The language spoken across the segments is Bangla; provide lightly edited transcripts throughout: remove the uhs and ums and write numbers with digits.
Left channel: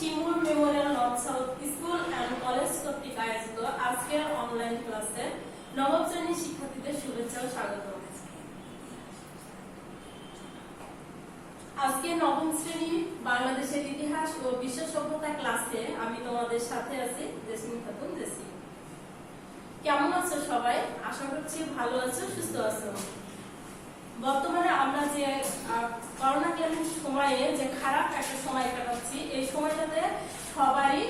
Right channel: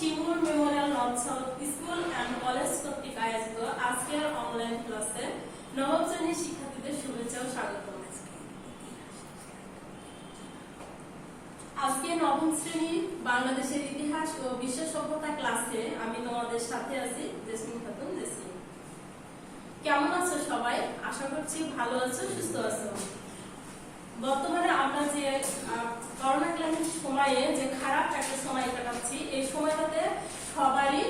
Shimul Memorial north south school and college কর্তৃক আয়োজিত আজকের অনলাইন ক্লাসে নবম শ্রেণীর শিক্ষার্থীদের শুভেচ্ছা ও স্বাগত। আজকে নবম শ্রেণী বাংলাদেশের ইতিহাস ও বিশ্ব সভ্যতা ক্লাসে আমি তোমাদের সাথে আছি জেসমিন খাতুন জেসি। কেমন আছো সবাই? আশা করছি ভালো আছো, সুস্থ আছো। বর্তমানে আমরা যে করোনাকালীন সময়ে যে খারাপ একটা সময় কাটাচ্ছি, এই সময়টাতে সবারই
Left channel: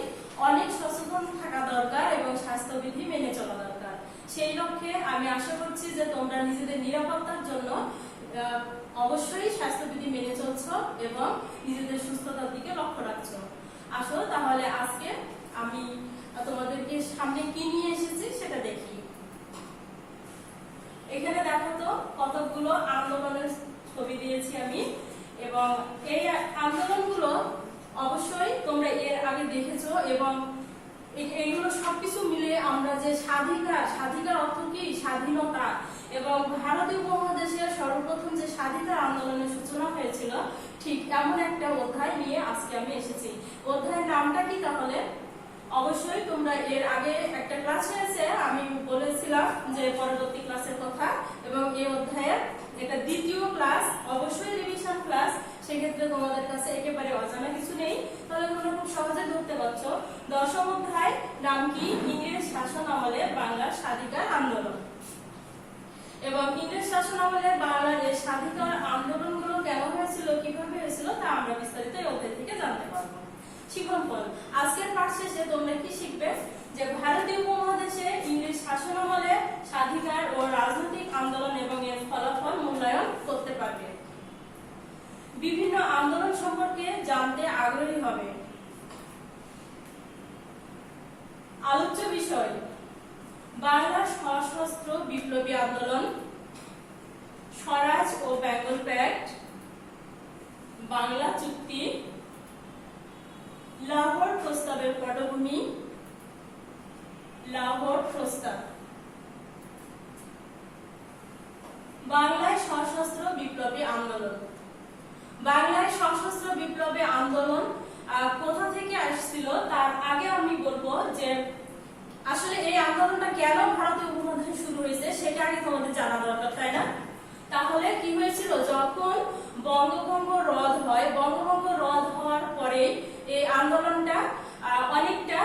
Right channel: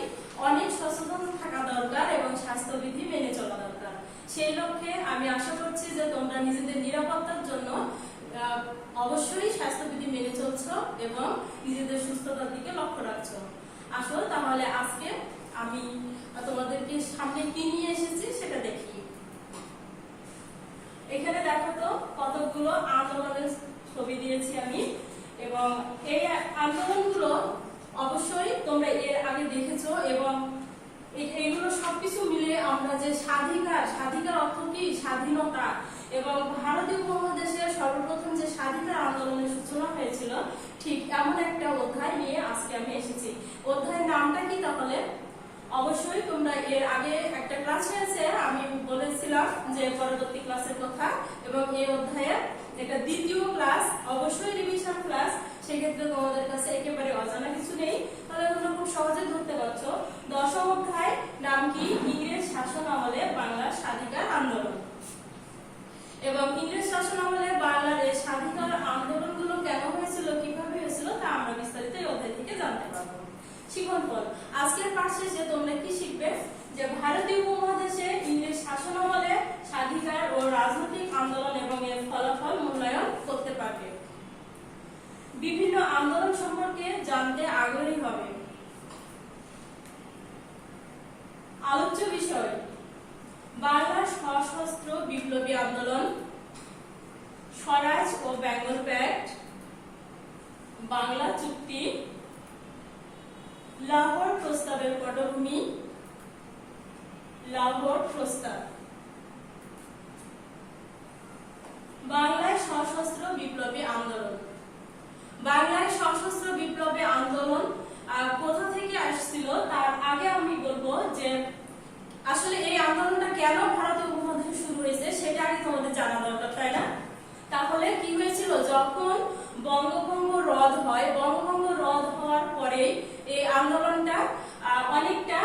অনেক সচেতন থাকা দরকার এবং স্বাস্থ্যবিধি মেনে চলা দরকার। সেই লক্ষ্যে আমি আশা করছি যে তোমরা নিজেদের নিরাপত্তার জন্য অবশ্যই স্বাস্থ্যবিধি মেনে চলছো এবং নিজেদের সুস্থতার দিকে লক্ষ্য রাখছো। আসো তাহলে আজকে আমি তোমাদেরকে সামনে কি নিয়ে এসেছি সেটা দেখি। এখানে দেখো তো কতগুলো আন্দোলনের ছবি দিয়েছি আমি, এবং এই আন্দোলনগুলো অবশ্যই তোমরা এর আগে দেখেছো এবং এইগুলো সবকিছু মিলে আমরা যে স্বাধিকার অর্থ কি, স্বাধীনতা, এবং ভারতীয় উপমহাদেশের সর্বপ্রথম যে স্বাধিকার আন্দোলনের সূচনা হয়েছিল, ঠিক এমন একটা অধ্যায় নিয়ে আজকে আমি এসেছি। অধ্যায়ের নামটা কি তাহলে? অবশ্যই তোমরা এর আগে একটা ক্লাস হয়েছে, আমি বলেছিলাম যে পরবর্তী ক্লাসের কথা, এবং এই অধ্যায়ের এটা দ্বিতীয় ক্লাস, অবশ্যই রিভিশন ক্লাস। সেক্ষেত্রে তোমাদের কাছে একেবারে অজানা কিছু নেই, তাহলে তোমরা খুব সহজে ধরতে পারছো। দশম অধ্যায় নাম কি? ইংরেজ শাসন আমলে বাংলার স্বাধিকার আন্দোলন। এবং ইংরেজ শাসন আমলে বাংলার এই স্বাধিকার আন্দোলনগুলো কেন হয়েছিল, কিভাবে হয়েছিল, তা আমরা বিস্তারিত এই অধ্যায় থেকে জানতে পারবো। শিক্ষণফল আজকের পাঠ শেষে তোমরা কি শিখবে? যে ভারতীয় উপমহাদেশে ইংরেজ শাসন আমলে স্বাধিকার ও রাজনৈতিক আন্দোলন এবং এর ফলাফল মূল্যায়ন করতে পারবে। বিভিন্ন আন্দোলন সম্পর্কে জানতে আগ্রহী হবে। আলোচ্য বিষয়: বাংলার সশস্ত্র বিপ্লবী আন্দোলন, স্বরাজ ও বেঙ্গল প্যাক্ট, বাংলা চুক্তি, লাহোর প্রস্তাবের পটভূমি, লাহোর প্রস্তাব। বাংলায় সশস্ত্র বিপ্লবী আন্দোলন। বাংলায় সশস্ত্র বিপ্লবী আন্দোলন কোথা থেকে আসছিল তার আগে আমি বলবো যে আসলে এই আন্দোলনটা কেন ভারতীয় উপমহাদেশে শুরু হয়েছে সেটা আগে তোমাদের জানা দরকার, তাই না? তাহলে কি হয়েছিল, যখন বঙ্গভঙ্গ রদ হয়, বঙ্গভঙ্গ রদ হওয়ার পরে এই আন্দোলনটা অনেকটা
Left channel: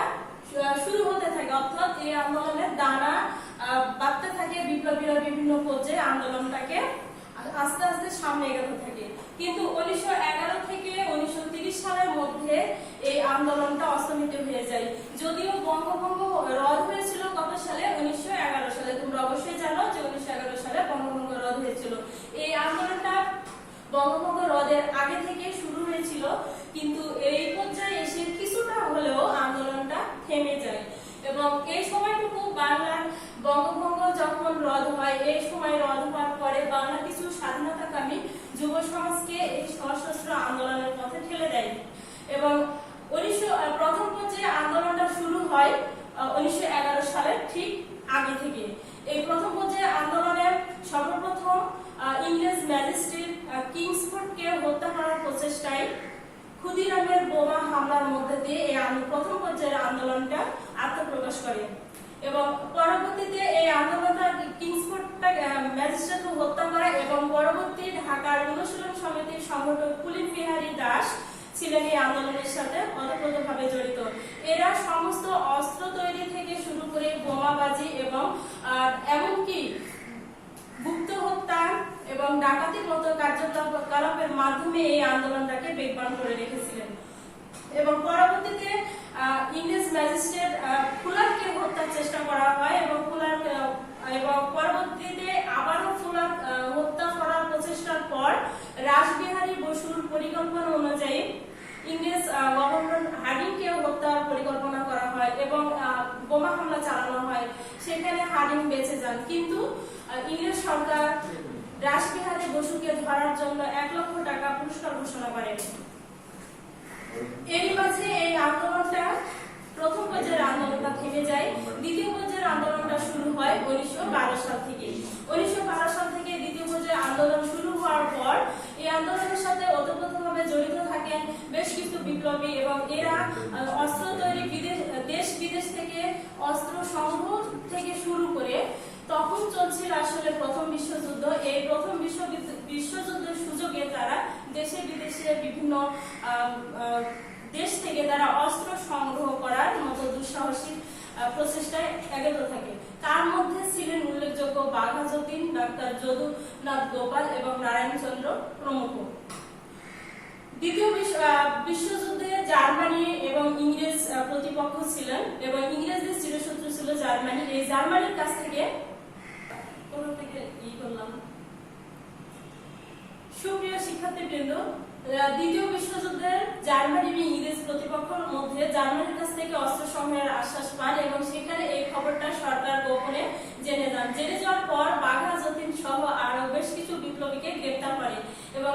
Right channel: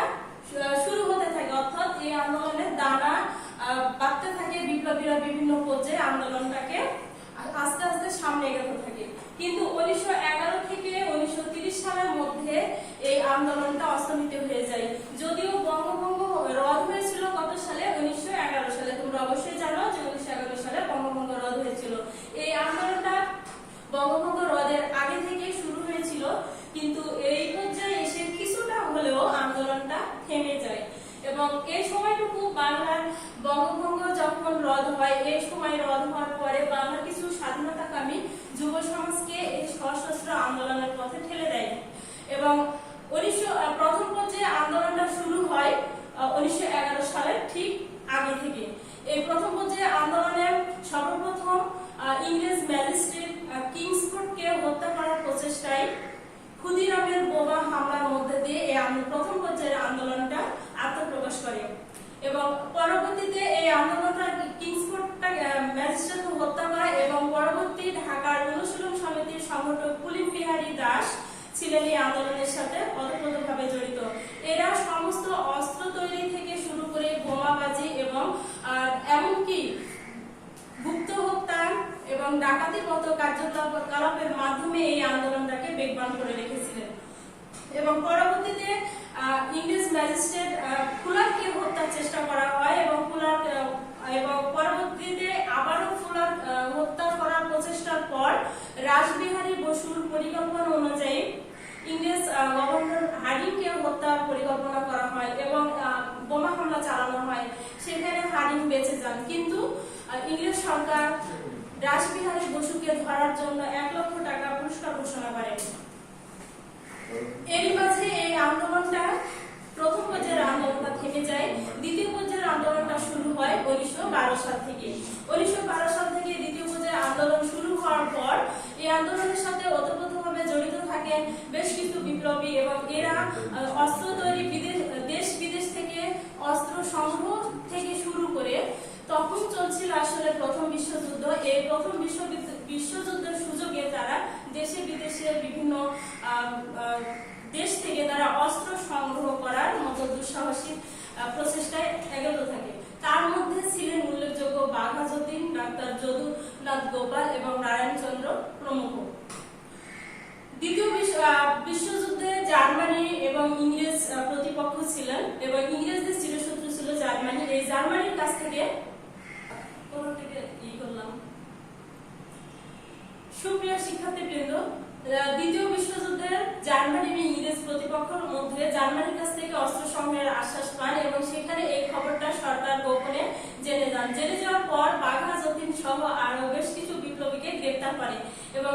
শুরু হতে থাকে, অর্থাৎ এই আন্দোলনের দানা বাড়তে থাকে, বিপ্লবীরা বিভিন্ন পর্যায়ে আন্দোলনটাকে আস্তে আস্তে সামনে এগোতে থাকে। কিন্তু 1911 থেকে 1930 সালের মধ্যে এই আন্দোলনটা অস্তমিত হয়ে যায়। যদিও বঙ্গভঙ্গ রদ হয়েছিল কত সালে? 1911 সালে। তোমরা অবশ্যই জানো যে 1911 সালে বঙ্গভঙ্গ রদ হয়েছিল। এই আন্দোলনটা বঙ্গভঙ্গ রদের আগে থেকে শুরু হয়েছিল, কিন্তু এই পর্যায়ে এসে কিছুটা হলেও আন্দোলনটা থেমে যায়। এবং এই সময়টুকু বাংলার বঙ্গভঙ্গ যখন রদ হয়, এই সময় রদ হওয়ার পরে বাংলা কিছু স্বাধীনতাকামী যুব সমাজকে এই সশস্ত্র আন্দোলনের পথে ঠেলে দেয়। এবং প্রথম পর্যায়ে আন্দোলনটা শুরু হয় 1911 সালের ঠিক আগে থেকে। এই প্রথম পর্যায়ে আন্দোলনের সর্বপ্রথম ইংরেজ ম্যাজিস্ট্রেট কিংসফোর্ডকে হত্যা করার প্রচেষ্টায় ক্ষুদিরামের বোমা হামলার মধ্যে দিয়ে এই প্রথম পর্যায়ের আন্দোলনটা আত্মপ্রকাশ করে। এবং পরবর্তীতে এই আন্দোলনটা কিংসফোর্ডটা ম্যাজিস্ট্রেটকে হত্যা করে, এবং পরবর্তী ঢাকার অনুশীলন সমিতির সংগঠক পুলিন বিহারী দাস ছিলেন এই আন্দোলনের সাথে ওতপ্রোতভাবে জড়িত। এরা সমস্ত অস্ত্র তৈরি থেকে শুরু করে বোমাবাজি এবং এমনকি গুপ্ত হত্যা এবং ডাকাতির মতো কার্যকলাপের মাধ্যমে এই আন্দোলনটাকে বেগবান করে রেখেছিলেন। এবং পরবর্তীতে ইংরেজ ম্যাজিস্ট্রেট ফুলারকে হত্যার চেষ্টা করা হয়, এবং পরবর্তীতে আবারও ফুলার হত্যা করার প্রচেষ্টার পর রাসবিহারী বসুর পরিকল্পনা অনুযায়ী ইংরেজ গভর্নর হার্ডিংকে হত্যার পরিকল্পনা করা হয় এবং বোমা হামলা চালানো হয়। সেখানে হার্ডিং বেঁচে যান, কিন্তু ইংরেজ সরকার রাসবিহারী বসুকে ধরার জন্য 1 লক্ষ টাকা পুরস্কার ঘোষণা করে। এরই মাঝে এই আন্দোলনটা প্রথম পর্যায়ের আন্দোলনটা থেমে যায়। দ্বিতীয় পর্যায়ের আন্দোলনটা শুরু হয় 1912 সাল থেকে। 1912 সাল থেকে দ্বিতীয় পর্যায়ের আন্দোলন শুরু হওয়ার পর এই আন্দোলনের সাথে ওতপ্রোতভাবে জড়িত থাকে থাকেন বেশ কিছু বিপ্লবী এবং এরা অস্ত্র তৈরি দেশ বিদেশ থেকে অস্ত্র সংগ্রহ থেকে শুরু করে তখন চলছিল আসলে প্রথম বিশ্বযুদ্ধ। এই প্রথম বিশ্বযুদ্ধের সুযোগে তারা দেশে বিদেশে বিভিন্ন দেশ থেকে তারা অস্ত্র সংগ্রহ করার মতো দুঃসাহসী প্রচেষ্টায় এগোতে থাকে। তার মধ্যে ছিলেন উল্লেখযোগ্য বাঘা যতীন, ডাক্তার যদুনাথ গোপাল এবং নারায়ণচন্দ্র প্রমুখ। দ্বিতীয় বিশ্বযুদ্ধে জার্মানি এবং ইংরেজ প্রতিপক্ষ ছিলেন এবং ইংরেজদের চিরশত্রু ছিল জার্মানি। এই জার্মানির কাছ থেকে সুপ্রিয় শিক্ষার্থীবৃন্দ, দ্বিতীয় বিশ্বযুদ্ধের জার্মানি এবং ইংরেজ প্রতিপক্ষের মধ্যে জার্মানির কাছ থেকে অস্ত্র সংগ্রহের আশ্বাস পান এবং সেখানে এই খবরটা সরকার গোপনে জেনে যান। জেনে যাওয়ার পর বাঘা যতীন সহ আরো বেশ কিছু বিপ্লবীকে গ্রেপ্তার করে এবং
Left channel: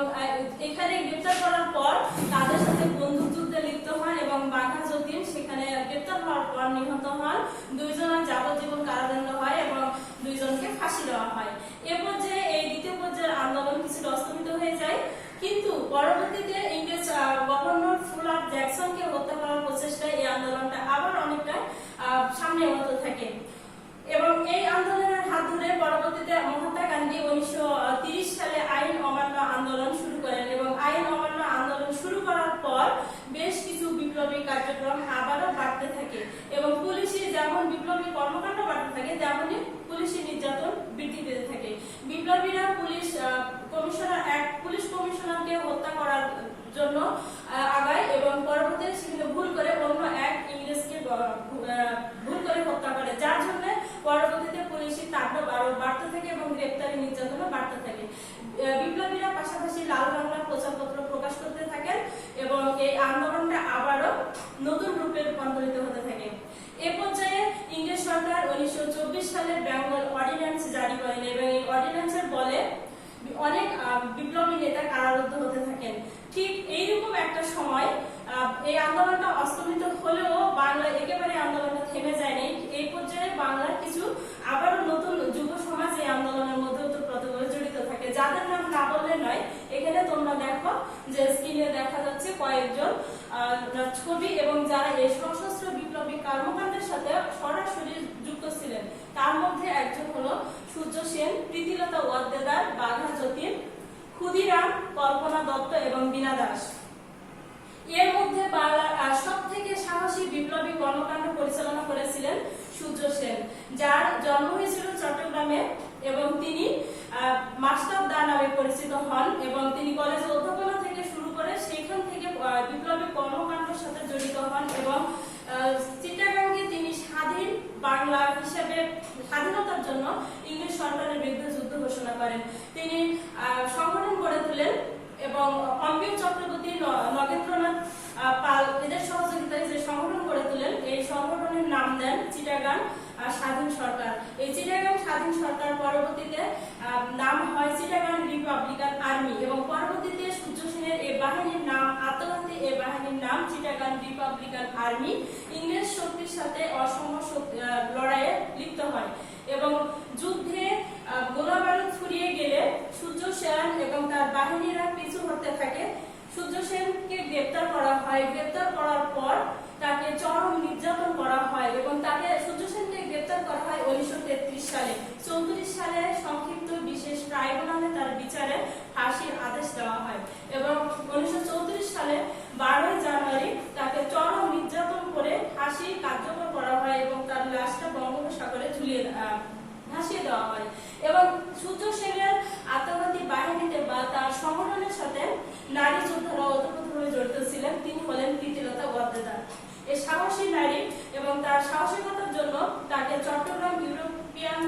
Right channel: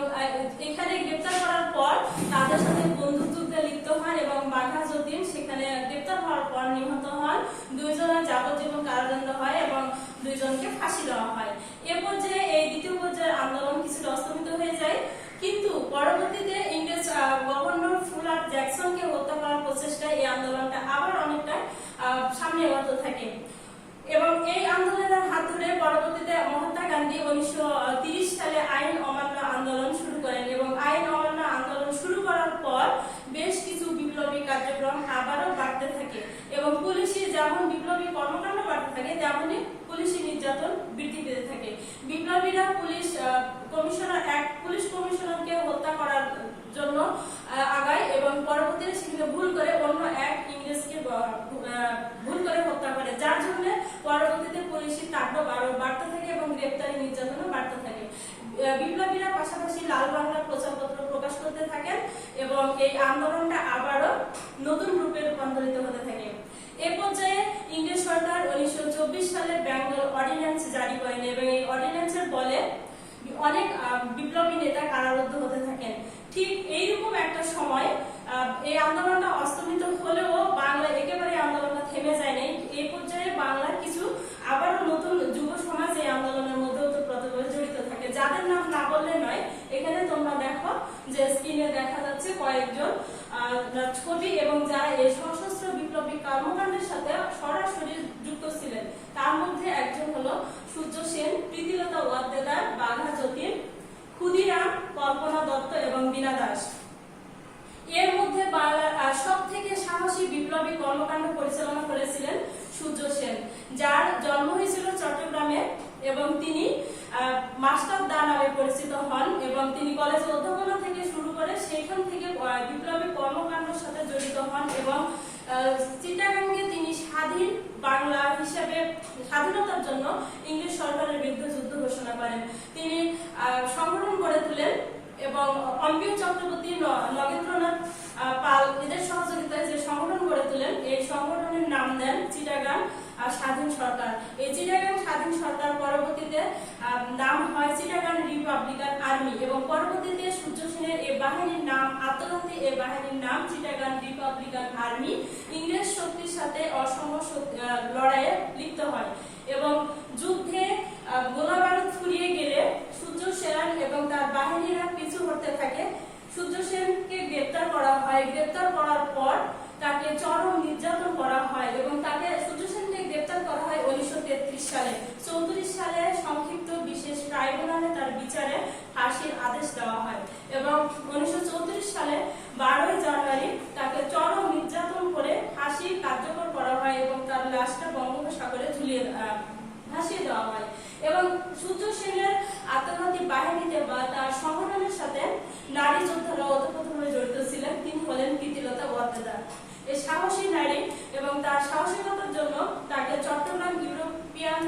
এখানে গ্রেপ্তার করার পর তাদের সাথে বন্দুকযুদ্ধে লিপ্ত হন এবং বাঘা যতীন সেখানে গ্রেপ্তার হওয়ার পর নিহত হন। দুইজনের যাবজ্জীবন কারাদণ্ড হয় এবং দুইজনকে ফাঁসি দেওয়া হয়। এ পর্যায়ে এই দ্বিতীয় পর্যায়ের আন্দোলন কিছুটা স্তমিত হয়ে যায়, কিন্তু পরবর্তীতে ইংরেজ গভর্নর ফুলার জ্যাকসনকে হত্যা করার প্রচেষ্টায় এই আন্দোলনটা আবার অনেকটা সামনে এগোতে থাকে এবং এই আন্দোলনের হাত ধরে পরবর্তীতে মহাত্মা গান্ধী 1930 সালে আইন অমান্য আন্দোলন শুরু করেন এবং আইন অমান্য আন্দোলন শুরু করার পর বেশ কিছু বিপ্লবী কার্যক্রম আবারও বাড়তে থাকে এবং পুলিশি যেমন বিপ্লবী কর্মকাণ্ড বাড়তে থাকে তেমনি পুলিশি নির্যাতন বৃদ্ধি পেতে থাকে। বিপ্লবীরা পুলিশ কমিশনারকে হত্যা করার জন্য আগায় এবং পরবর্তীতে সেখানে ভুল করে অন্য এক ইংরেজকে ভুল করে হত্যা করে, যার জন্য পরবর্তীতে পুলিশি তাণ্ডব আরো বাড়তে থাকে এবং গ্রেপ্তারি নির্যাতনও বাড়তে থাকে। বিপ্লবীরা পাশাপাশি লাল বাংলা প্রচারপত্র প্রকাশ করতে থাকেন এবং এই আন্দোলনটা আবারও নতুন রূপে রূপান্তরিত হতে থাকে। এ পর্যায়ে ইংরেজ সরকার 1924 সালে বেঙ্গল অর্ডিন্যান্স জারি করেন এবং এই অর্ডিন্যান্সের বলে অনেক বিপ্লবী নেতা কারারুদ্ধ হতে থাকেন। ঠিক এইরকম একটা সময় এই আন্দোলনটা অস্তমিত হলেও বাংলা একেবারে আন্দোলনটা থেমে যায় নাই। এই পর্যায়ে বাংলার কিছু আবারও নতুন যুব সমাজ এই আন্দোলনের মধ্যে ওতপ্রোতভাবে জড়িত থাকে, যাদের নাম না বললে নয়। এখানে তোমরা দেখো যে স্ক্রিনে দেখা যাচ্ছে কয়েকজন ছবি এবং যারা এই সশস্ত্র বিপ্লবী কর্মকাণ্ডের সাথে সরাসরি যুক্ত ছিলেন। তার মধ্যে একজন হলো সূর্য সেন, প্রীতিলতা ওয়াদ্দেদার, বাঘা যতীন, ক্ষুদিরাম, কল্পনা দত্ত এবং বীণা দাস। এর মধ্যে বাংলার সব থেকে সাহসী বিপ্লবী কর্মকাণ্ড পরিচালনা করেছিলেন সূর্য সেন, যার জন্ম হয়েছিল চট্টগ্রামে এবং তিনি মাস্টার দা নামে পরিচিত হন এবং তিনি কলেজে অধ্যাপনা থেকে শুরু করে সেখান থেকে বিপ্লবী কর্মকাণ্ডের সাথে জড়িত হন এবং চিটাগাংকে তিনি স্বাধীন বাংলা হিসেবে স্বাধীনতার জন্য ইংরেজ সরকারের বিরুদ্ধে যুদ্ধ ঘোষণা করেন। তিনি সংগঠন গড়ে তোলেন এবং অম্বিক চক্রবর্তী, নগেন্দ্রনাথ পাল এদের সহযোগিতায় যে সংগঠন গড়ে তোলেন, এই সংগঠনের নাম দেন চিটাগাং স্বাধীন সরকার। এই চিটাগাং স্বাধীন সরকার পরবর্তীতে নাম হয় চিটাগাং রিপাবলিকান আর্মি এবং পরবর্তীতে সূর্য সেনের এই বাহিনীর নাম আত্মঘাতী এই বাহিনীর নাম চিটাগাং রিপাবলিকান আর্মি ইংরেজ শক্তির সাথে অসম লড়াইয়ে লিপ্ত হয় এবং যুদ্ধে গোলাবারুদ ফুরিয়ে গেলে সূর্য সেন এবং তার বাহিনীরা পিছু হটতে থাকে। সূর্য সেনকে গ্রেপ্তার করা হয়। গ্রেপ্তার করার পর তাকে চরম নির্যাতন করা হয় এবং তাকে সূর্য সেনকে গ্রেপ্তার করা হয় 1933 সালে। 34 সালে সংক্ষিপ্ত বিশেষ ট্রাইব্যুনালে তার বিচারে ফাঁসির আদেশ দেওয়া হয় এবং 1934 সালে 12 জানুয়ারি তাকে চরম নির্যাতন করে ফাঁসি কার্যকর করা হয় এবং তার লাশটা বঙ্গোপসাগরে ভাসিয়ে দেওয়া হয় এবং সূর্য সেনের আত্মঘাতী বাহিনীতে বা তার সংগঠনের সাথে নারী যোদ্ধারা ওতপ্রোতভাবে জড়িত ছিলেন। তিনি হলেন প্রীতিলতা ওয়াদ্দেদার। এই সাহসী নারী এবং তার সাহসিকতার জন্য তাকে চট্টগ্রাম ইউরোপিয়ান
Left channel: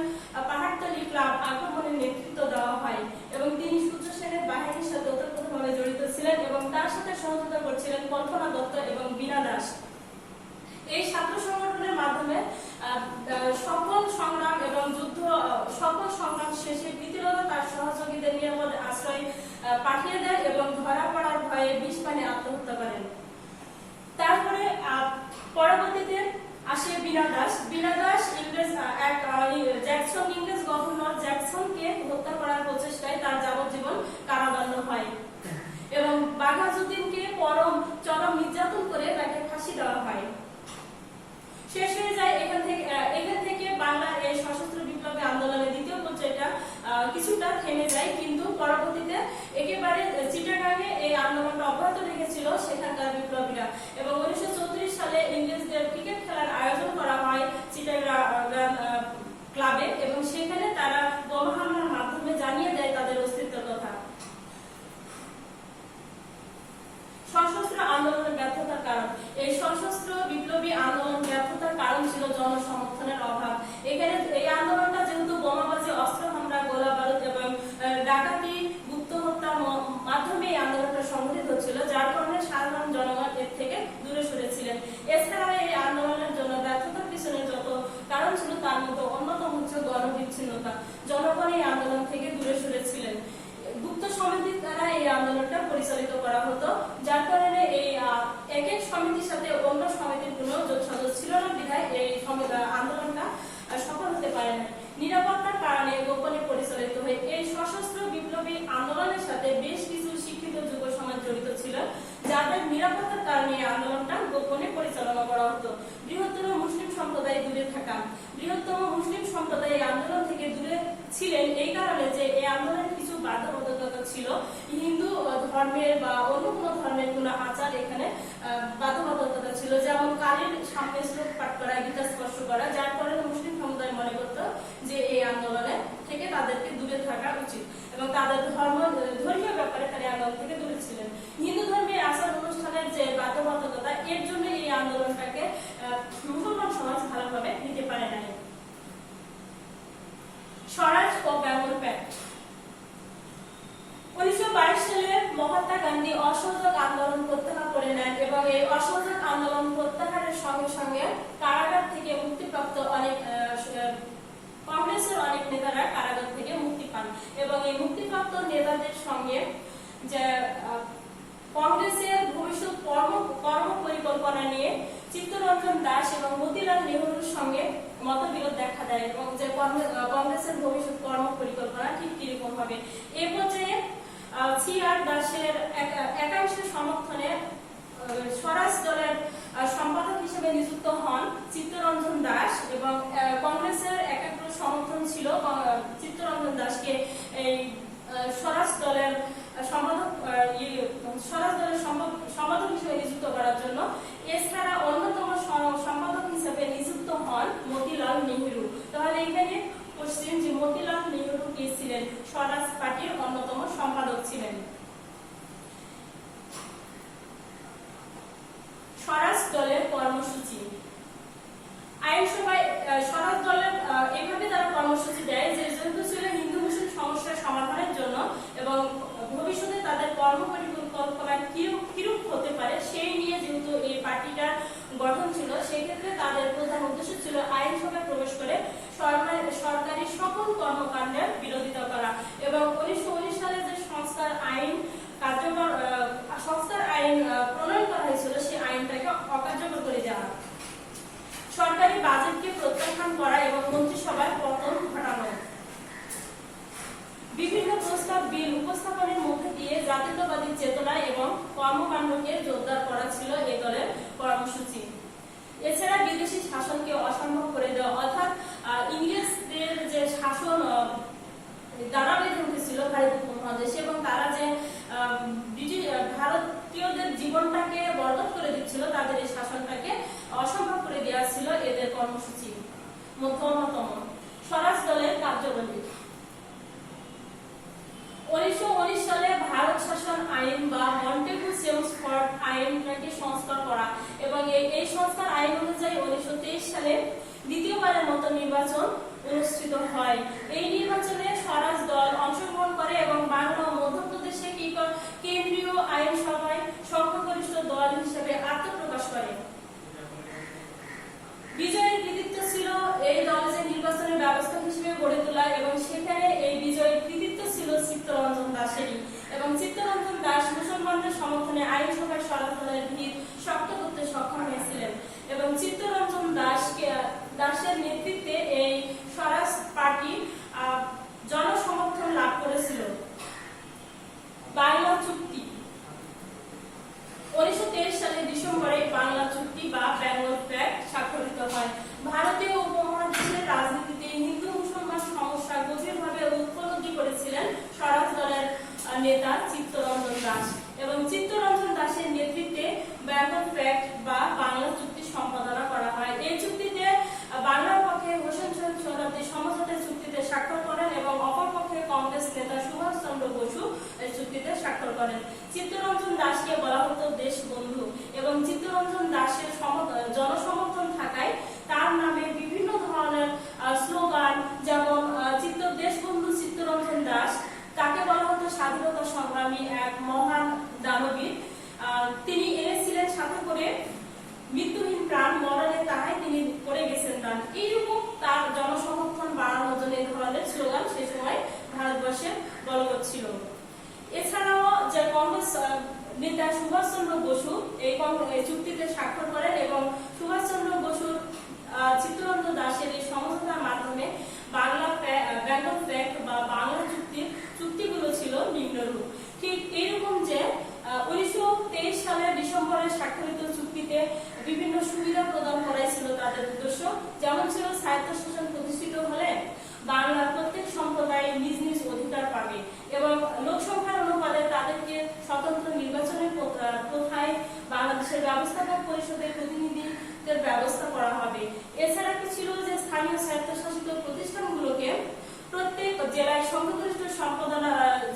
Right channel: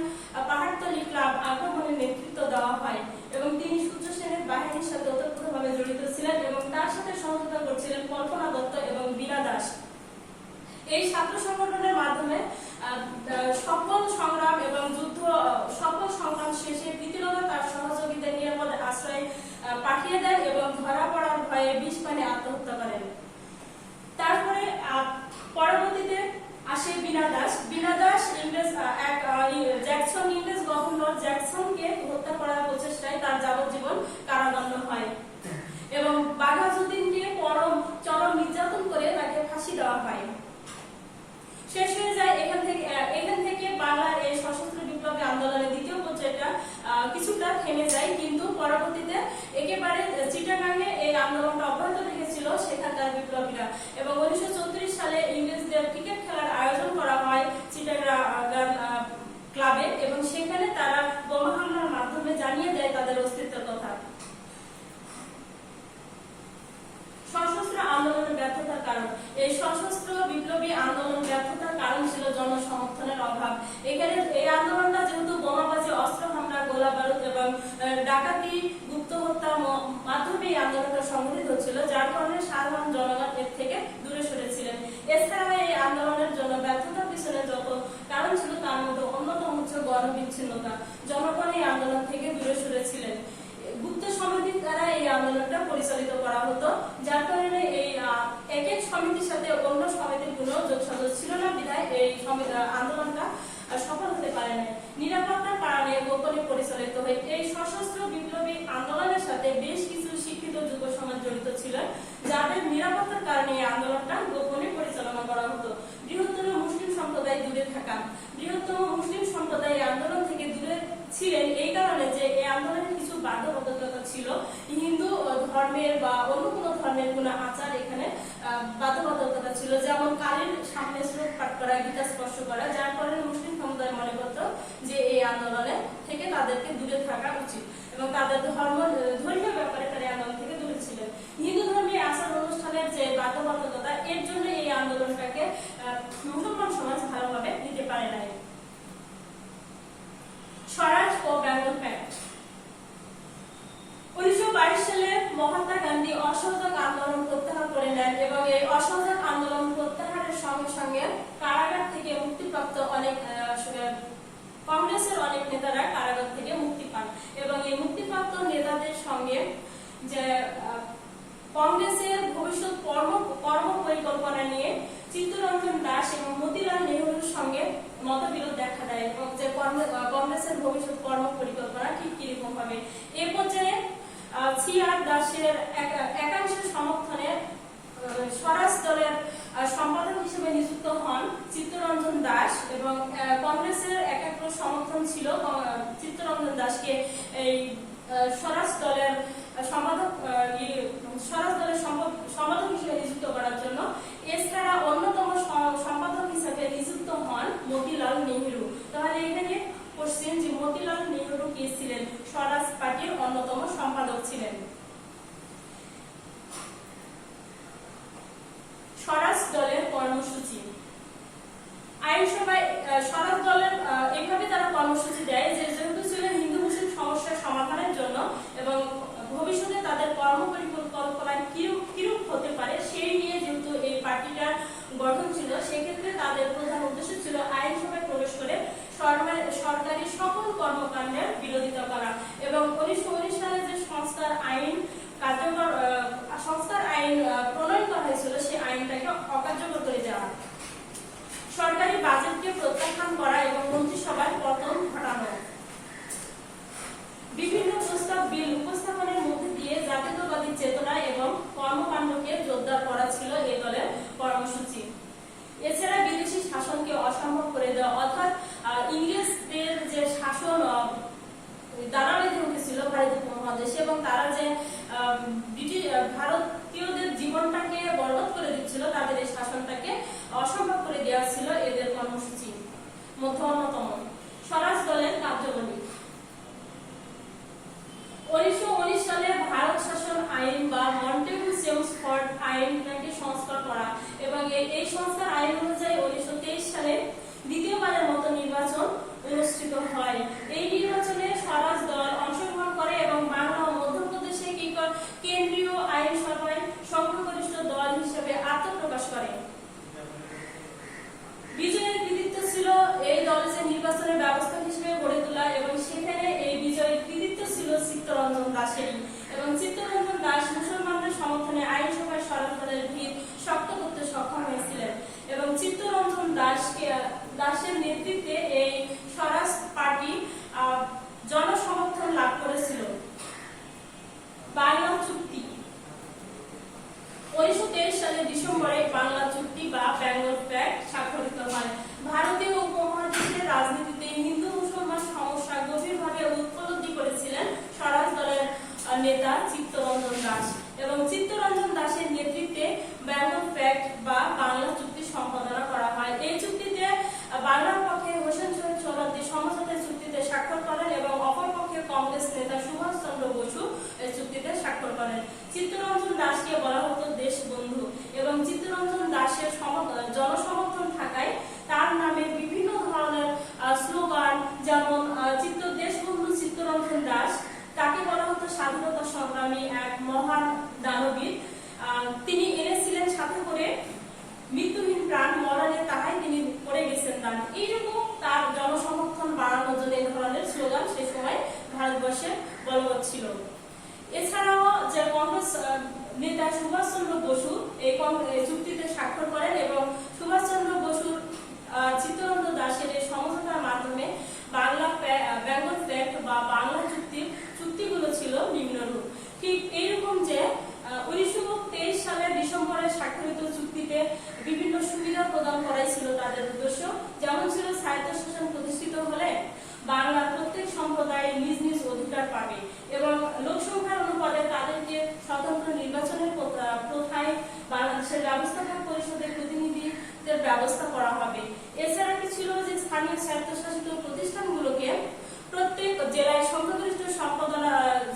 পাহাড়তলি ক্লাব আগমনের নেতৃত্ব দেওয়া হয় এবং তিনি সূর্য সেনের বাহিনীর সাথে ওতপ্রোতভাবে জড়িত ছিলেন এবং তার সাথে সহযোগিতা করছিলেন কল্পনা দত্ত এবং বীণা দাস। এই ছাত্র সংগঠনের মাধ্যমে সকল সংগ্রাম এবং সকল সংগ্রাম শেষে প্রীতিলতা তার সহযোগীদের নিরাপদ আশ্রয় পাঠিয়ে দেয় এবং ধরা পড়ার ভয়ে বিষ পানে আত্মহত্যা করেন। তারপরে পরবর্তীতে আসে বীণা দাস। বীণা দাস ইংরেজ গভর্নর জ্যাকসনকে হত্যা করার প্রচেষ্টায় তার যাবজ্জীবন কারাদণ্ড হয় এবং বাঘা যতীনকে চরম নির্যাতন করে তাকে ফাঁসি দেওয়া হয়। শেষ হয়ে যায় এখান থেকে বাংলার এই সশস্ত্র বিপ্লবী আন্দোলনের দ্বিতীয় পর্যায়টা কিছুটা থেমে যায়, কিন্তু পরবর্তীতে একেবারে চিটাগাঙে এই আন্দোলনটা অব্যাহত রেখেছিল সেখানকার বিপ্লবীরা। এবং 1934 সালে ইংরেজদের ক্রিকেট খেলার আয়োজন করা হয় চিটাগাং ক্লাবে, এবং সেখানে তারা বোমা হামলার মাধ্যমে জানিয়ে দেয় তাদের অস্তিত্বের কথা। সশস্ত্র আন্দোলনের ব্যর্থতার কারণ, এই সশস্ত্র বিপ্লবী আন্দোলন ব্যর্থতার কারণ ছিল জনসমর্থনের অভাব। এখানে এই আন্দোলনটা যেহেতু বোমাবাজি, অস্ত্র হামলা, গোলা বারুদ এবং ডাকাতি, গুপ্ত হত্যার মাধ্যমে এই আন্দোলনটা সংঘটিত হচ্ছিল, যার কারণে সাধারণ জনগণ এর থেকে দূরে সরেছিলেন। এছাড়াও এই আন্দোলনের জন্য ব্যর্থতার পিছনে যত কারণ ছিল তার মধ্যে অন্যতম হচ্ছে গণবিচ্ছিন্নতা। জনগণ এই আন্দোলন থেকে দূরে সরেছিলেন। গুপ্ত সমিতির দ্বারা এই আন্দোলনটা পরিচালিত করা হতো, যার কারণে এই এক এক সমিতির সাথে অন্য সমিতির কোনো যোগসাজশ ছিল না, বিধায় এই আন্দোলনটা সফল হতে পারে না। নিরাপত্তার কারণে গোপনে পরিচালিত হয়। এই সশস্ত্র বিপ্লবী আন্দোলনের সাথে বেশ কিছু শিক্ষিত যুব সমাজ জড়িত ছিল, যাদের নিরাপত্তার কারণে এই আন্দোলনটা গোপনে পরিচালনা করা হতো। বৃহত্তর মুসলিম সম্প্রদায় দূরে থাকা, বৃহত্তম মুসলিম সম্প্রদায় এই আন্দোলন থেকে দূরে ছিলেন এই কারণে যে এই আন্দোলনের কিছু বাধ্যবাধকতা ছিল। হিন্দু ধর্মের বা অন্য কোনো ধর্মের কোনো আচার এখানে বাধ্যবাধকতা ছিল, যেমন কালীর সামনে শ্লোক পাঠ করা, গীতা স্পর্শ করা, যার কারণে মুসলিম সম্প্রদায় মনে করত যে এই আন্দোলনে থেকে তাদেরকে দূরে থাকা উচিত এবং তাদের ধর্মীয় ব্যাপারে তারা আন্দোলন থেকে দূরে ছিলেন। হিন্দু ধর্মীয় আচার অনুষ্ঠানের যে বাধ্যবাধকতা, এর জন্য এই আন্দোলনটাকে মুসলমান সমাজ ভালোভাবে নিতে পারে নাই। স্বরাজ ও বেঙ্গল প্যাক্ট। 1922 সালে মহাত্মা গান্ধী অসহযোগ আন্দোলন প্রত্যাহার করে নেন এবং এই অসহযোগ আন্দোলন প্রত্যাহারের সঙ্গে সঙ্গে কারাগার থেকে মুক্তিপ্রাপ্ত কংগ্রেসের অনেক নেতারা কারাগার থেকে মুক্তি পান এবং এই মুক্তিপ্রাপ্ত নেতাদের সঙ্গে যে কংগ্রেসের ভবিষ্যৎ কর্ম পরিকল্পনা নিয়ে চিত্তরঞ্জন দাস এবং মতিলাল নেহরুর সঙ্গে মতবিরোধ দেখা দেয় এবং যে কংগ্রেসের ভবিষ্যৎ কর্ম পরিকল্পনা ঠিক কিরকম হবে। এ পর্যায়ে সি.আর. দাসের একাংশের সমর্থনে স্বরাজ দলের সম্পাদক হিসেবে নিযুক্ত হন চিত্তরঞ্জন দাস এবং কংগ্রেসের একাংশ সমর্থন ছিল চিত্তরঞ্জন দাসকে এই স্বরাজ দলের সম্পাদক হিসেবে নিযুক্ত করার জন্য। এছাড়া অন্যতম সম্পাদক হিসেবে নিযুক্ত হন মতিলাল নেহরু। তাহলে এখানে কোশ্চেন যে মতিলাল নেহরু কে ছিলেন? স্বরাজ পার্টির অন্যতম সম্পাদক ছিলেন। স্বরাজ দলের কর্মসূচি। আইনসভায় স্বরাজ দলের এইভাবে তারা কর্মসূচি দেয় যে যেহেতু ছিল হিন্দু মুসলিম সমস্যার সমাধানের জন্য এবং ভবিষ্যতে তাদের কর্ম পরিকল্পনা কিরূপ হতে পারে সেই নিয়ে যেহেতু এই পার্টিটার গঠন ছিল, সেক্ষেত্রে তাদের প্রধান উদ্দেশ্য ছিল আইনসভায় প্রবেশ করে সরকারি সকল কর্মকাণ্ডের বিরোধিতা করা এবং 1919 সালে যে সংস্কার আইন প্রণয়ন করা হয়েছিল সেই আইনটাকে অকার্যকর করে দেওয়া, সরকারি বাজেটকে প্রত্যাখ্যান করা এবং মন্ত্রিসভার পতন ঘটানো, বিভিন্ন প্রস্তাব বিল উপস্থাপনের মধ্যে দিয়ে জাতীয়তাবাদী চেতনা এবং কর্মকাণ্ডকে জোরদার করা ছিল এই দলের কর্মসূচি। এছাড়া বিদেশি শাসনকে অসম্ভব করে দেওয়া, অর্থাৎ ইংরেজদের যে শাসন দানা বেঁধে উঠেছিল ভারত উপমহাদেশে এবং তারা যে ভারতীয়দের জীবনটাকে বরবাদ করে দিচ্ছিল, তাদের এই শাসনটাকে অসম্ভব করে দেওয়া ছিল এদের কর্মসূচি। অন্যতম স্বরাজ দলের কার্যাবলী। 1919 সালে ভারত শাসন আইন বা মন্টেগু-চেমসফোর্ড আইনটাকে সংস্কার করা এবং এই সংস্কার আইন অনুযায়ী 1923 সালে দ্বিতীয়বারের মতো নির্বাচন অনুষ্ঠিত হয়। এই নির্বাচনে স্বরাজ দল অংশগ্রহণ করে এবং বাংলা ও মধ্যপ্রদেশে কেন্দ্রীয় আইনসভায় সংখ্যাগরিষ্ঠ দল হিসেবে আত্মপ্রকাশ করে। বিজয়ের কৃতিত্ব ছিল এই দলের যে নির্বাচনের ব্যবস্থা হিসেবে গড়ে তোলা এবং সেখানে এই বিজয়ের কৃতিত্ব ছিল চিত্তরঞ্জন দাসেরই এবং চিত্তরঞ্জন দাস মুসলমানদের সমর্থনে আইনসভায় স্বরাজ দলের ভিড় শক্ত করতে সক্ষম হয়েছিলেন এবং চিত্তরঞ্জন দাসের নেতৃত্বে এই স্বরাজ পার্টি জনসমর্থন লাভ করেছিল। বাংলা চুক্তি। বেঙ্গল প্যাক্ট স্বাক্ষরিত হয়। ভারতীয় উপমহাদেশের রাজনীতিতে হিন্দু মুসলমান সমস্যা গভীরভাবে উপলব্ধি করেছিলেন স্বরাজ দলের নেতা চিত্তরঞ্জন দাস এবং চিত্তরঞ্জন দাসের নেতৃত্বে বেঙ্গল প্যাক্ট বা বাংলা চুক্তি সম্পাদনা করা হয়। এই চুক্তিতে বাংলার পক্ষে হোসেন শহীদ সোহরাওয়ার্দী সমঝোতা চুক্তিতে স্বাক্ষর করেন এবং অপর পক্ষে কংগ্রেস নেতা সুভাষ চন্দ্র বসু এই চুক্তিতে স্বাক্ষর করেন। চিত্তরঞ্জন দাসকে বলা হতো দেশবন্ধু এবং চিত্তরঞ্জন দাসের জনসমর্থন থাকায় তার নামে বিভিন্ন ধরনের স্লোগান, যেমন দেশবন্ধু চিত্তরঞ্জন দাস, তাকে বলা হতো স্বাধীনতা সংগ্রামী এক মহান দানবীর। তিনি এনেছিলেন সাথে করে মৃত্যুহীন প্রাণ, মরণে তাহাই তিনি করে গেছেন দান। এইরকম তার জনসমর্থন বাড়ানোর জন্য এই ধরনের স্লোগান সে সময় ভারতবর্ষে বলবৎ ছিল। এছাড়াও যে কংগ্রেস নেতা সুভাষ চন্দ্র বসু এই চুক্তিতে স্বাক্ষর করেন এবং সুভাষ চন্দ্র বসুর চিত্তরঞ্জন দাসের এই সমঝোতার মাধ্যমে বেঙ্গল প্যাক্ট বা বাংলা চুক্তিগুলো ছিল নিম্নরূপ। ঠিক এইরকম যে 1923 সালের ডিসেম্বরে স্বাক্ষরিত চুক্তিতে বিভিন্ন সুবিধা প্রদান করাই ছিল তাদের উদ্দেশ্য। যেমন ছিল স্বায়ত্তশাসন প্রতিষ্ঠিত হলে বাংলার প্রত্যেক সম্প্রদায় নিজ নিজ অধিকার পাবে এবং লোকসংখ্যার অনুপাতে তাদেরকে স্বতন্ত্র নির্বাচনের প্রথায় বাংলাদেশের ব্যবস্থাপক পরিষদের প্রতিনিধিদের ব্যবস্থা করা হবে। এছাড়া কি ছিল যে স্থানীয় স্বায়ত্তশাসিত প্রতিষ্ঠানগুলোকে প্রত্যেক জেলায় সংখ্যাগরিষ্ঠ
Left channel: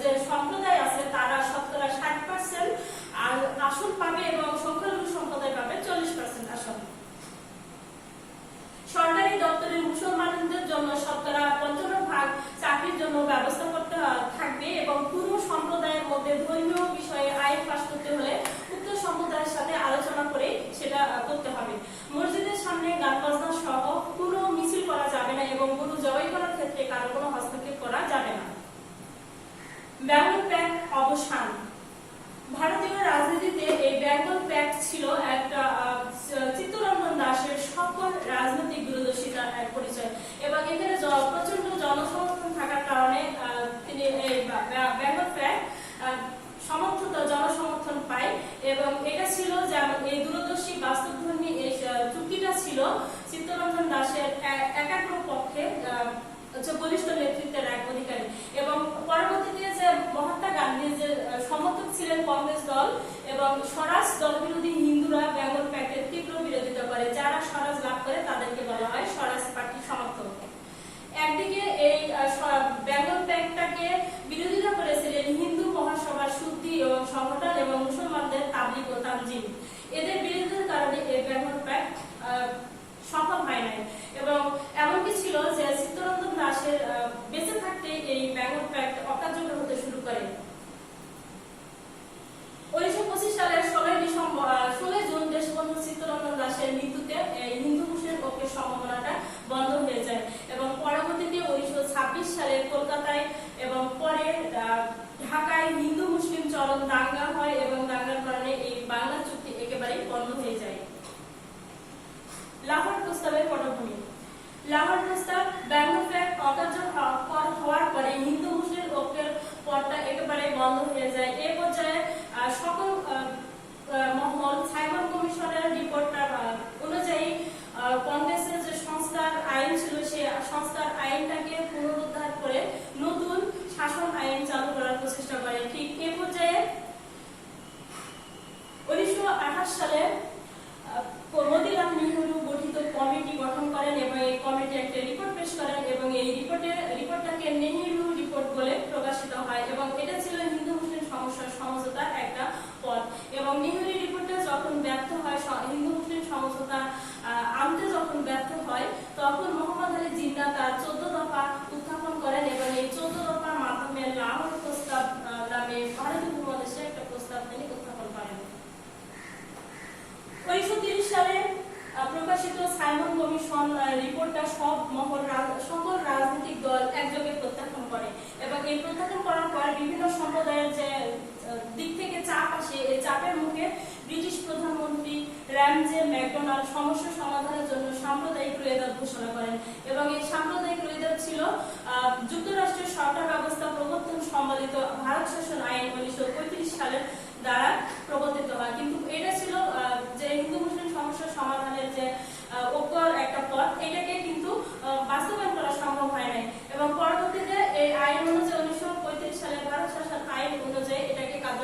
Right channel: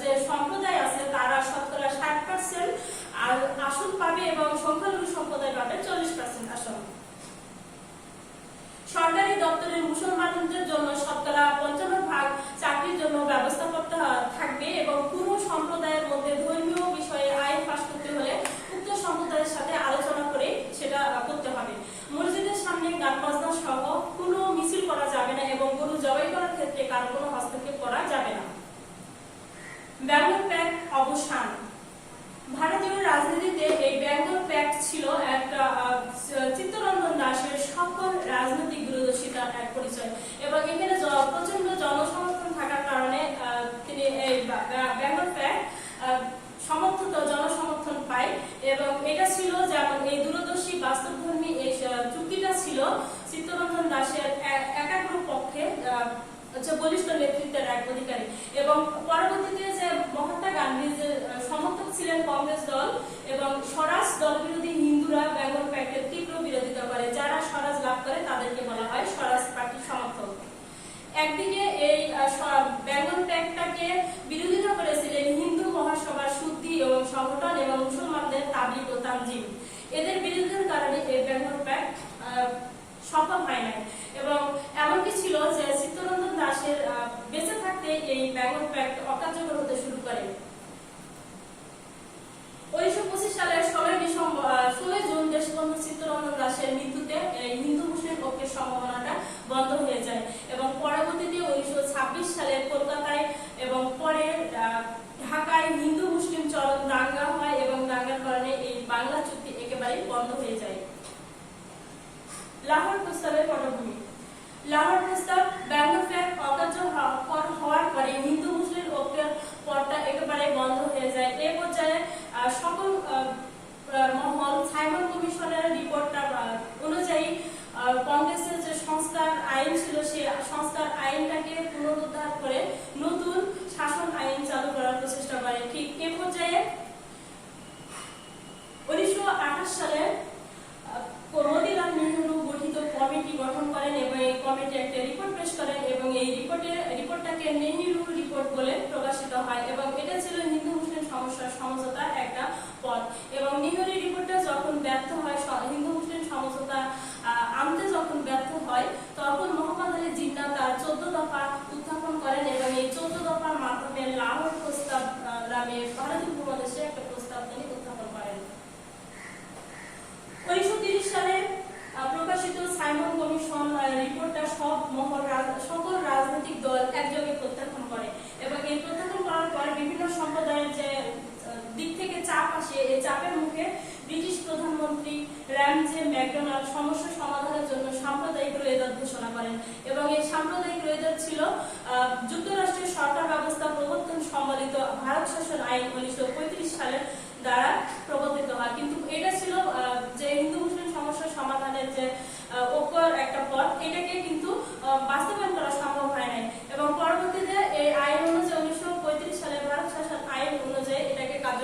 যে সম্প্রদায় আছে তারা শতকরা 60% আর আসন পাবে এবং সংখ্যালঘু সম্প্রদায় পাবে 40% আসন। সরকারি দপ্তরে মুসলমানদের জন্য শতকরা 55% চাকরির জন্য ব্যবস্থা করতে থাকবে এবং পুরো সম্প্রদায়ের মধ্যে ধর্মীয় বিষয়ে আইন পাস করতে হলে উক্ত সম্প্রদায়ের সাথে আলোচনা করে সেটা করতে হবে। মসজিদের সামনে গান বাজনা সহ কোনো মিছিল করা যাবে না এবং গরু জবাই করার ক্ষেত্রে কারো কোনো হস্তক্ষেপ করা যাবে না। বেঙ্গল প্যাক্ট অবসান। ভারতীয় রাজনীতিতে এই বেঙ্গল প্যাক্ট ছিল একটা চিত্তরঞ্জন দাসের সকল রাজনৈতিক দূরদর্শিতার এক পরিচয় এবং এখানে প্রচন্ড জনসমর্থন থাকার কারণে তিনি এই বেঙ্গল প্যাক্ট জনসমর্থন পায় এবং এটা ছিল যেমন এই দূরদর্শী বাস্তবধর্মী এই চুক্তিটা ছিল চিত্তরঞ্জন দাসের একাগ্র পক্ষে বলিষ্ঠ নেতৃত্বের এক অধিকারী এবং পরবর্তীতে যে মহাত্মা গান্ধীর যে সমর্থক ছিলেন কংগ্রেস দল এবং স্বরাজ দল বিরোধী হিন্দুরা বেঙ্গল প্যাক্টের তীব্র বিরোধিতা করে। যারা স্বরাজ লাভ করে তাদেরকে বলা হয় স্বরাজ পার্টির সমর্থক। একদিকে এই বেঙ্গল প্যাক্টটাকে বিরোধিতা করেছিলেন হিন্দু মহাসভার শুদ্ধি এবং সংগঠন এবং মুসলমানদের তাবলিগ ও তানজিম। এদের বিরোধিতার কারণে এই বেঙ্গল প্যাক্ট সফল হয় নাই এবং এমনকি ছিল যে চিত্তরঞ্জন দাসের বেঁচে থাকতে এই বেঙ্গল প্যাক্ট অকার্যকর হতে শুরু করে। 1925 সালের 16 জুন দেশবন্ধু চিত্তরঞ্জন দাসের মৃত্যুতে হিন্দু মুসলিম ঐক্যের সম্ভাবনাটা বন্ধ হয়ে যায় এবং পরবর্তীতে 1926 সালে কলকাতায় এবং পরে ঢাকায় হিন্দু মুসলিম চরম দাঙ্গা হয় এবং দাঙ্গার কারণে এই বাংলা চুক্তি একেবারেই বন্ধ হয়ে যায়। লাহোর প্রস্তাবের পটভূমি। লাহোর প্রস্তাব বেঙ্গল প্যাক্ট অকার্যকর হওয়ার পরে হিন্দু মুসলিম ঐক্যের পথটা একেবারে বন্ধ হয়ে যায়। এই পর্যায়ে সকল মহল সাইমন কমিশনের রিপোর্টটা অনুযায়ী কংগ্রেসের যে সংস্কার আইন ছিল সেই সংস্কার আইনটাকে পুনরুদ্ধার করে নতুন শাসন আইন চালু করার প্রচেষ্টা করে। ঠিক এ পর্যায়ে 1928 সালে মতিলাল নেহেরু গঠিত কমিটি গঠন করেন এবং এই কমিটি একটা রিপোর্ট পেশ করেন এবং এই রিপোর্টটাকে নেহেরু রিপোর্ট বলে প্রকাশিত হয় এবং এটা ছিল হিন্দু মুসলিম সমস্যার সমঝোতার একটা পথ এবং নেহেরু রিপোর্টটা যখন ব্যর্থ হয়, হিন্দু মুসলিম সমঝোতা আনতে যখন ব্যর্থ হয় তখন মোহাম্মদ আলী জিন্না তার 14 দফা উত্থাপন করেন এবং এই 14 দফার মাধ্যমে লাহোর প্রস্তাব নামে ভারতীয় উপমহাদেশে একটা প্রস্তাব তিনি উত্থাপন করেন। 1930 সালে প্রকাশিত সাইমন কমিশন রিপোর্টটা সকল রাজনৈতিক দল একযোগে প্রত্যাখ্যান করে এবং এই প্রত্যাখ্যান করার পর বিভিন্ন সম্প্রদায়ের যে দিক থেকে চাপ আসে, এই চাপের মুখে ব্রিটিশ প্রধানমন্ত্রী র্যামজে ম্যাকডোনাল্ড সমস্যা সমাধানের জন্য সাম্প্রদায়িক রোয়েদাদ ঘোষণা করেন এবং এই সাম্প্রদায়িক রোয়েদাদ ছিল যুক্তরাষ্ট্রের সরকার ব্যবস্থা প্রবর্তন সম্বলিত ভারত শাসন আইন 1935 সালের দ্বারা প্রবর্তিত হয়। কিন্তু এটা ছিল যে হিন্দু মুসলিম সমস্যার সমাধানের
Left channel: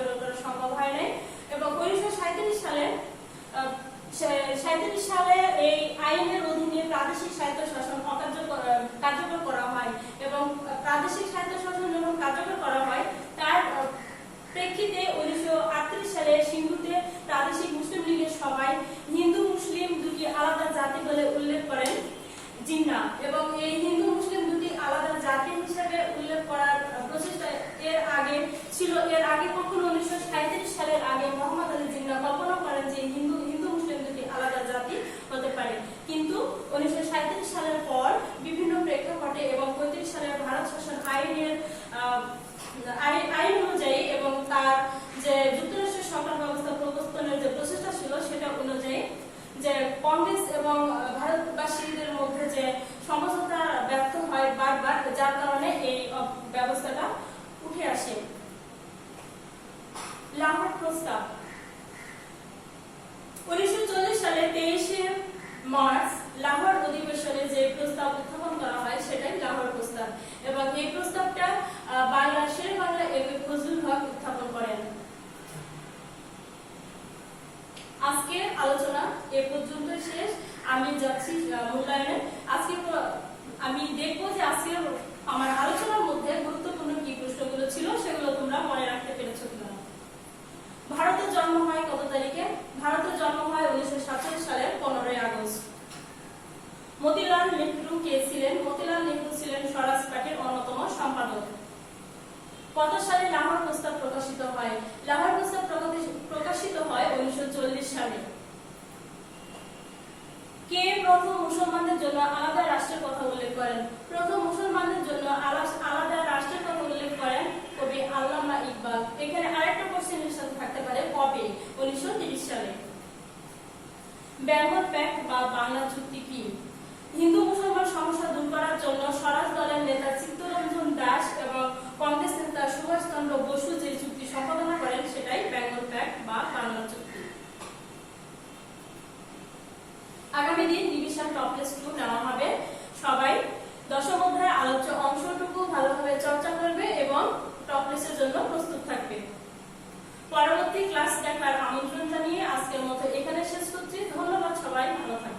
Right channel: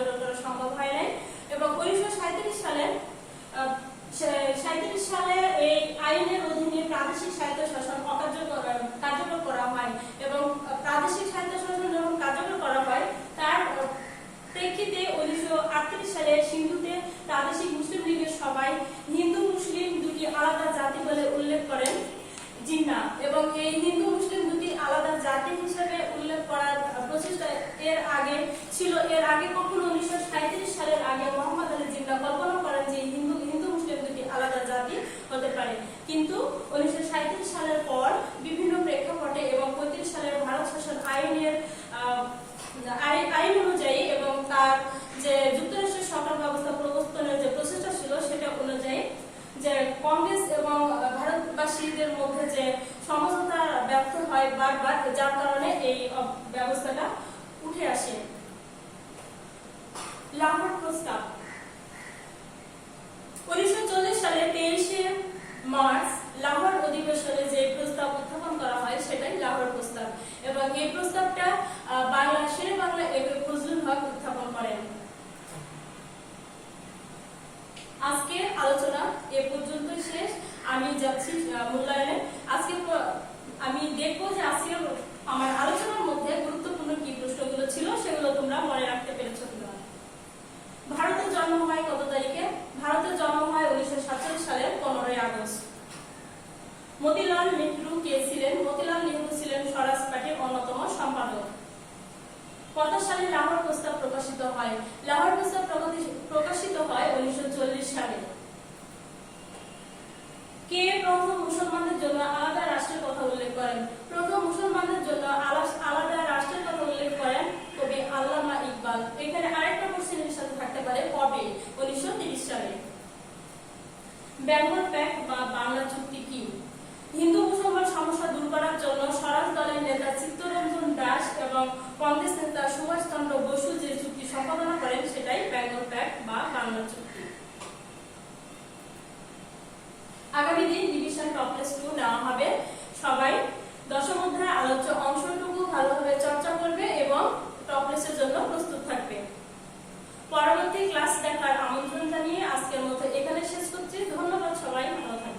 কার্যকর করা সম্ভব হয় নাই। এবং 1937 সালে এই আইনের অধীনে প্রাদেশিক স্বায়ত্তশাসন কার্যকর করা হয় এবং প্রাদেশিক স্বায়ত্তশাসন যখন কার্যকর করা হয় তার প্রেক্ষিতে 1938 সালে সিন্ধুতে প্রাদেশিক মুসলিম লীগের সভায় হিন্দু মুসলিম দুটি আলাদা জাতি বলে উল্লেখ করেন জিন্নাহ। এবং এই হিন্দু মুসলিম দুটি আলাদা জাতি হিসেবে উল্লেখ করার প্রচেষ্টা এর আগে কখনো 1937 সালের আগে মোহাম্মদ আলী জিন্নাহ কল্পনা করেন যে হিন্দু মুসলিম দুটি আলাদা জাতি হতে পারে। কিন্তু 1937 সালের পর বিভিন্ন প্রেক্ষাপটে এবং 35 সালের ভারত শাসন আইন অনুযায়ী এবং তার যে যুক্তরাষ্ট্রের সরকার ব্যবস্থা প্রবর্তনের যে প্রচেষ্টা ছিল সেটা অনুযায়ী যে কংগ্রেস এবং ভারতবাসীদের মধ্যে যে সমঝোতা ব্যর্থ হয় বারবার, যার কারণে এই ব্যবস্থাটা উঠে আসে। লাহোর প্রস্তাব 1940 সালে 23 মার্চ লাহোর অধিবেশনে যে প্রস্তাব উত্থাপন করা হয় সেটাই লাহোর প্রস্তাব এবং এই প্রস্তাবটা শের বাংলা একে ফজলুল হক উত্থাপন করেন। আজকের আলোচনা এ পর্যন্ত শেষ। আমি যাচ্ছি মূল্যায়নে। আমি দেখবো যে আজকের আমার আলোচনার মধ্যে গুরুত্বপূর্ণ কি প্রশ্নগুলো ছিল সেগুলো তোমরা মনে রাখতে পেরেছো কিনা। ভারতের জন্ম হয় কত তারিখে? ভারতের জন্ম হয় 1947 সালের 15 আগস্ট। মতিলাল নেহরু কে ছিলেন? মতিলাল নেহরু ছিলেন স্বরাজ পার্টির অন্যতম সম্পাদক। কত সালে লাহোর প্রস্তাব প্রকাশিত হয়? লাহোর প্রস্তাব প্রকাশিত হয় 1940 সালে। কে প্রথম মুসলমানদের জন্য আলাদা রাষ্ট্রের কথা উল্লেখ করেন? প্রথম মুসলমানদের জন্য আলাদা রাষ্ট্রের কথা উল্লেখ করেন কবি আল্লামা ইকবাল। এখানে আরেকটা কোশ্চেনের সাথে থাকতে পারে কবে? 1930 সালে। বেঙ্গল প্যাক্ট বা বাংলা চুক্তি কি? হিন্দু মুসলমান সমস্যা দূর করার জন্য স্বরাজ দলের নেতা চিত্তরঞ্জন দাস এবং কংগ্রেস নেতা সুভাষ চন্দ্র বসু যে চুক্তি সম্পাদনা করেন সেটাই বেঙ্গল প্যাক্ট বা বাংলা চুক্তি। আগামী দিন ডিভিশন টপলেস 2 নেওয়া হবে। সবাই দশম অধ্যায়ের আলোচ্য অংশটুকু ভালোভাবে চর্চা করবে এবং টপলেসের জন্য প্রস্তুত থাকবে। পরবর্তী ক্লাস দেখার আমন্ত্রণ জানিয়ে আজকের মতো এখানে শেষ করছি। ধন্যবাদ, সবাই ভালো থাকবে।